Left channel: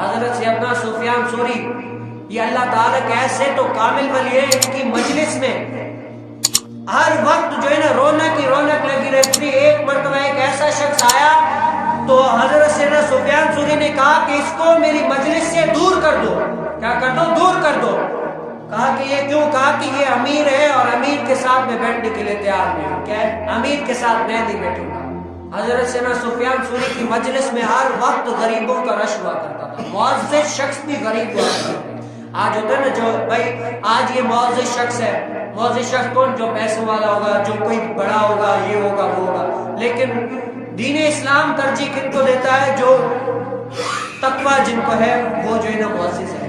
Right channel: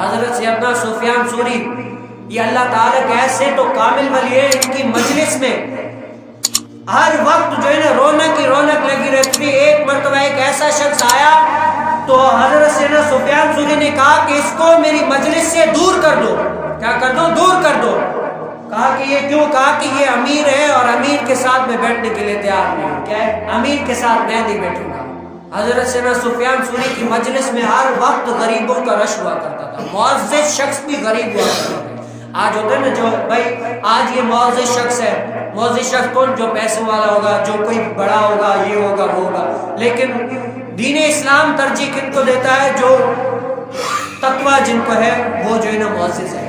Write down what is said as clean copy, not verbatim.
حضرت سیدنا سفیان ثوری یہ اللہ تعالیٰ کے ایسے تو کامل ولی ہے، ان کی مجلس میں ہر وقت جو ہے نا رونق ہی رونق لگی رہتی تھی۔ ایک مرتبہ ایک ایسا شخص آیا تو حضرت سیدنا سفیان ثوری نے کہا کہ اس کو میری مجلس سے دور کر دو۔ کیا کر دو؟ دور کر دو۔ کہا کہ یہ کیوں؟ کہا کہ یہ امیر ہے اور امیر کے ساتھ میں بیٹھنے کے لیے تیار نہیں ہوں۔ کیا ہے؟ امیر کے ساتھ میں نہیں بیٹھوں گا۔ حضرت سیدنا سفیان ثوری کی مجلس میں ہر وقت غریبوں کا رش ہوا کرتا تھا، معزز شخص بھی غریب ہوا کرتا تھا۔ آج ہوتا ہے نا جو بھائی آج یہ معزز شخص ہے، معزز شخص کون؟ جو پیسوں والا ہوگا، جو کوئی بڑا ہوگا، یہ ہوگا وہ ہوگا۔ لیکن دین اسلام ترجیح کن کو دیتا ہے؟ جو تقویٰ جن کو ہے وہ جو ہے نا معزز ہے۔